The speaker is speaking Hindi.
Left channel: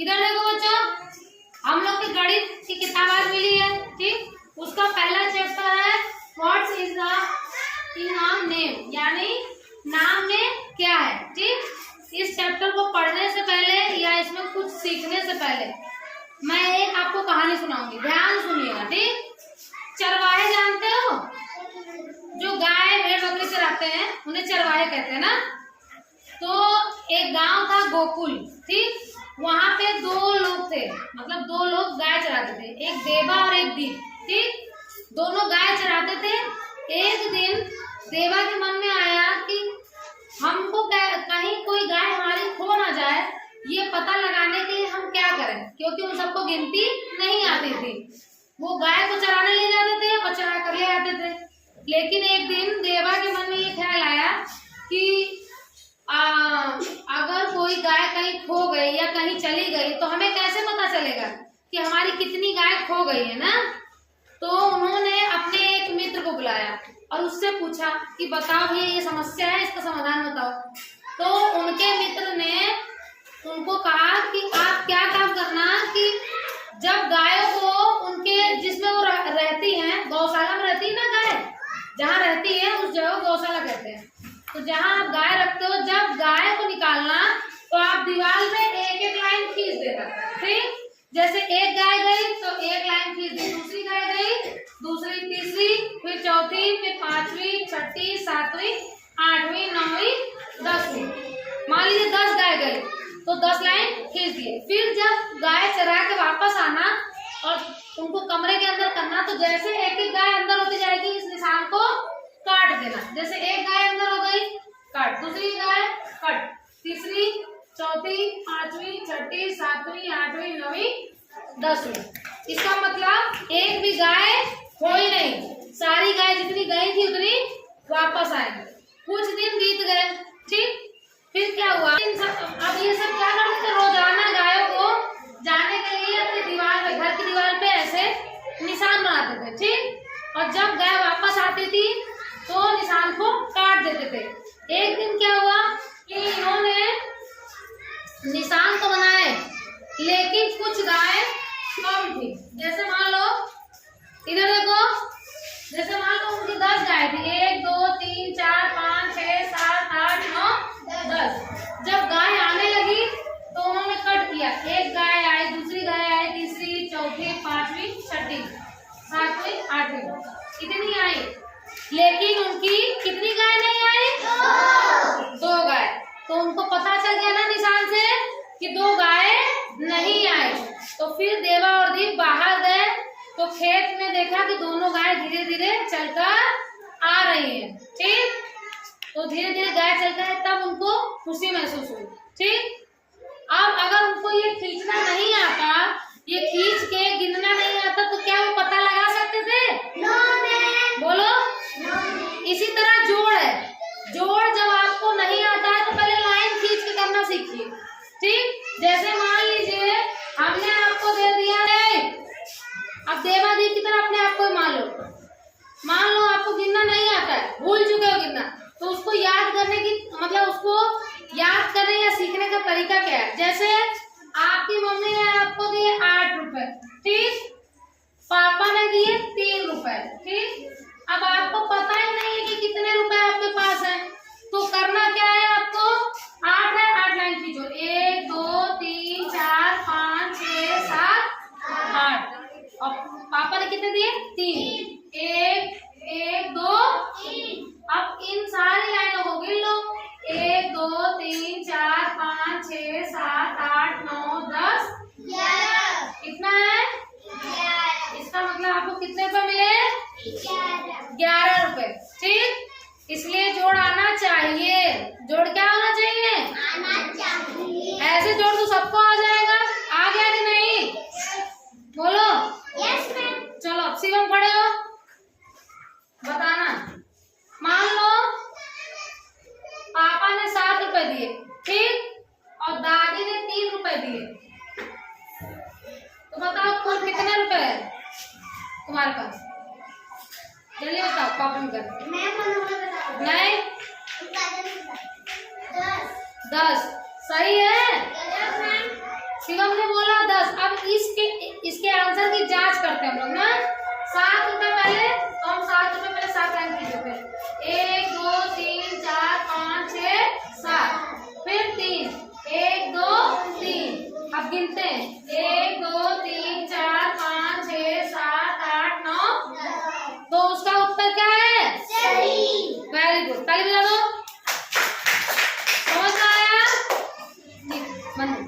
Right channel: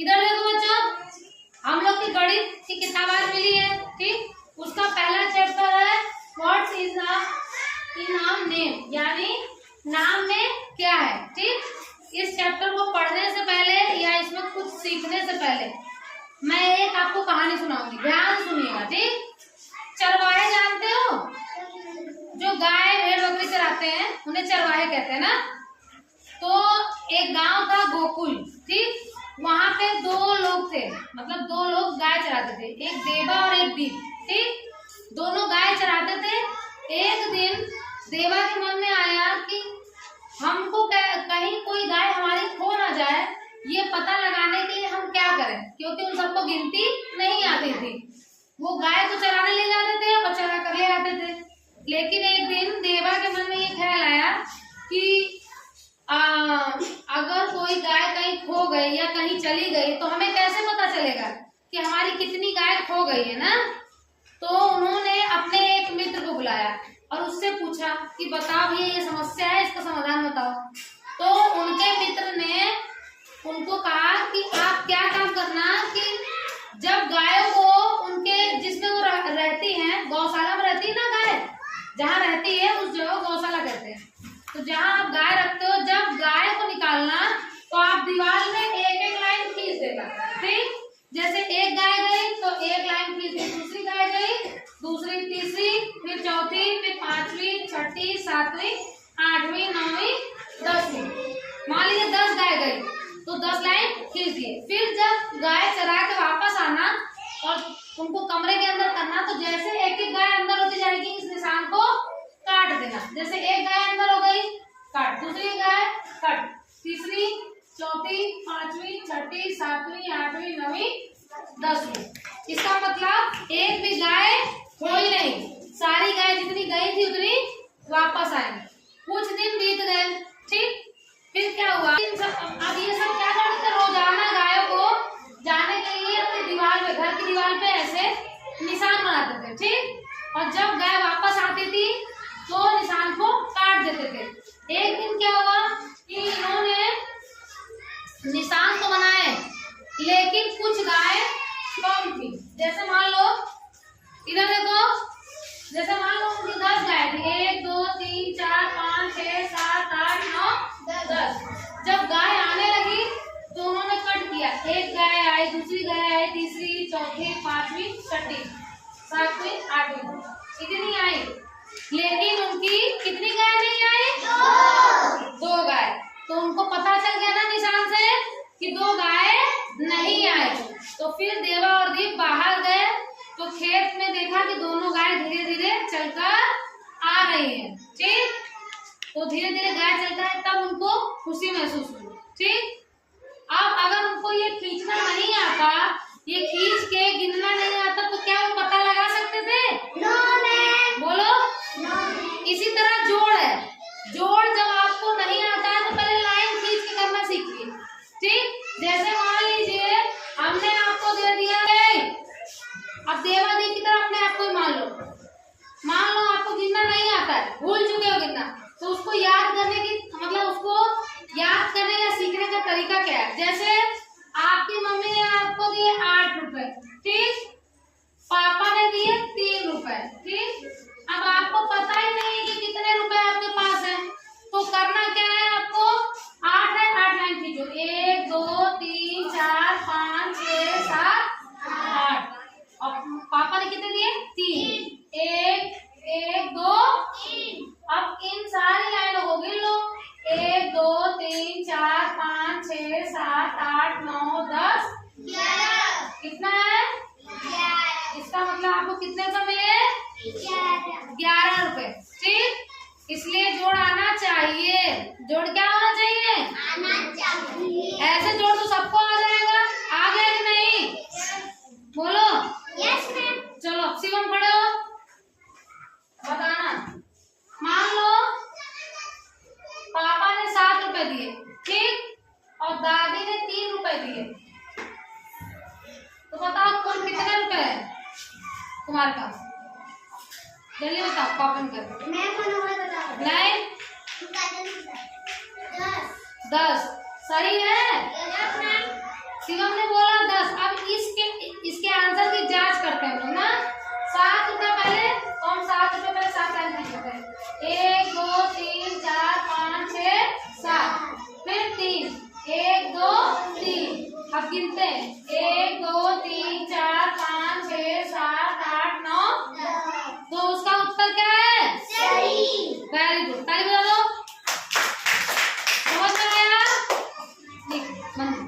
इधर देखो बच्चों, हम लोग की गणित की किताब आज मिली है, ठीक। उसका पहला चैप्टर है व्हाट इज द नाम नेम, यानी नाम में क्या है, ठीक। इस चैप्टर को पढ़ने से पहले या इसमें कुछ सीखने से पहले मैं एक आपको कहानी सुनाऊंगी, ध्यान सुनिएगा, ठीक। चरवाहे जानते हो, जो गाय भेड़ बकरी चराते हैं उन्हें चरवाहे कहते हैं ना। तो एक गांव था गोकुल, ठीक। वहां पे दो लोग थे, मतलब दो लोग गाय चराते थे, एक देवा और एक दीप, ठीक। दोनों गाय चराते थे। एक दिन देवा के मन में आया कि हमको कहीं कोई गाय हमारी खो ना जाए, ये पता लगाने के लिए हम क्या करें, क्योंकि उन सबको गिनती नहीं आती थी। वो गाय को चराने ले जाते थे और चरा कर ले आते थे। लेकिन एक दिन देवा के मन में ये ख्याल आया कि अगर कोई गाय कहीं खो गई या कहीं चली गई तो हमें कैसे पता चलेगा कि हमारी कितनी गाय खो गई है ना। तो उन्होंने अपने एक मित्र को बुलाया और उससे पूछा कि बताओ ये समस्या है, इसका समाधान बताओ। तो उनके मित्र ने उनको कहा कि आप क्या काम करना कि जब गायों को उनके जिसमें वो रहती हैं, गौशाला में रहती है ना गाय, जहाँ रहती है उस जगह गौशाला कहते हैं। तो जहाँ आप गाय रखते हो, जब गाय को निकालना तो आप दीवार में एक एक लाइन खींच देगा, ठीक। जैसे एक गाय गई तो एक लाइन खींच दी, दूसरी गाय गई, दूसरी, तीसरी, फिर चौथी, फिर पांचवी, छठी, सातवीं, आठवीं, नौवीं, 10वीं। मान लीजिए 10 गाय गई तो 10 लाइन खींच दिए। फिर जब गाय चरा के वापस आना और उनको कमरे के अंदर करना, तो जैसे एक एक गाय अंदर होती जाएगी इस निशान को काट देना। जैसे एक गाय अंदर हो गई, काट, दूसरी गाय कट, तीसरी, चौथी, पांचवी, छठी, सातवीं, आठवीं, नौवीं, 10वीं। इसका मतलब एक भी गाय खोई नहीं, सारी गाय जितनी गई थी उतनी वापस आएंगी। कुछ दिन बीत गए, ठीक। फिर क्या हुआ, अब ये सब क्या करते थे, रोजाना गायों को जाने के लिए अपनी दीवार पे, घर की दीवार पे ऐसे निशान बनाते थे, ठीक। और जब गाय वापस आती थी तो निशान को काट देते थे। एक दिन क्या हुआ कि इन्होंने निशान तो बनाए लेकिन कुछ गाय कम थी। जैसे मान लो इधर देखो, जैसे मान लो उनकी 10 गाय थी, 1 2 3 4 5 6 7 8 9 10। जब गाय आने लगी तो उन्होंने कट किया, एक गाय आई, दूसरी गाय आई, तीसरी, चौथी, पांचवी, छठी, सातवीं, आठवीं, इतनी आई। लेकिन उनकी कितनी गाय नहीं आई, 2 गाय। तो उनको पता चल गया ना निशान से कि 2 गाय नहीं आए। तो फिर देवा और दीप बाहर गए तो खेत में देखा कि दोनों गाय धीरे धीरे चलकर आ रही हैं, ठीक। तो धीरे धीरे गाय चलकर है, तब उनको खुशी महसूस हुई, ठीक। अब अगर उनको ये खींचना नहीं आता, ये खींच के गिनना नहीं आता, तो क्या वो पता लगा सकते थे? बोलो। इसी तरह जोड़ है, जोड़ जब आपको नहीं आता है तो पहले लाइन खींच के करना सीखिए, ठीक। जैसे मान लीजिए हमने आपको दे दिया है, अब देवा दीप की तरह अपने आप को मान लो आपको गिनना नहीं आता है, भूल चुके हो गिनना, तो उसको याद करने की मतलब उसको याद करने या सीखने का तरीका क्या है। जैसे आपकी मम्मी ने आपको दिए 8 रुपए, ठीक। पापा ने दिए 3 रुपए, ठीक। अब आपको पता ही नहीं है कि कितने रुपए आपके पास है, तो करना क्या है, आपको 8 है, 8 लाइन खींचो, 1 2 3 4 5 6 7 8। और पापा ने कितने दिए, 3, 1 1 2 3। अब इन सारी लाइनों को गिन लो, 1 2 3 4 5 6 7 8 9 10 11। कितना है, 11। इसका मतलब आपको कितने रुपए मिले, 11 रुपए, ठीक। इसलिए जोड़ आना चाहिए। जोड़ क्या होना चाहिए, आना चाहिए। ऐसे जोड़ तो सबको आ जाएगा, आ गया कि नहीं, बोलो। Yes ma'am. चलो अब शिवम खड़े हो, बताना। मान लो पापा ने 7 रुपए दिए, ठीक, और दादी ने 3 रुपए दिए, तो बताओ कुल कितने रुपए है तुम्हारे पास, जल्दी बताओ। पापा ने नहीं, 10 सही है। शिवम ने इसके आंसर की जांच करते हैं हम लोग ना। 7 रुपए पहले, तो हम 7 रुपए पहले 7 टाइम कीजिए, 1 2 3 4 5 6 7, फिर 3, 1 2 3। अब गिनते हैं, 1 2 3 4 5 6 7 8 9। तो उसका उत्तर क्या है? सही। वेरी गुड, ताली बजाओ।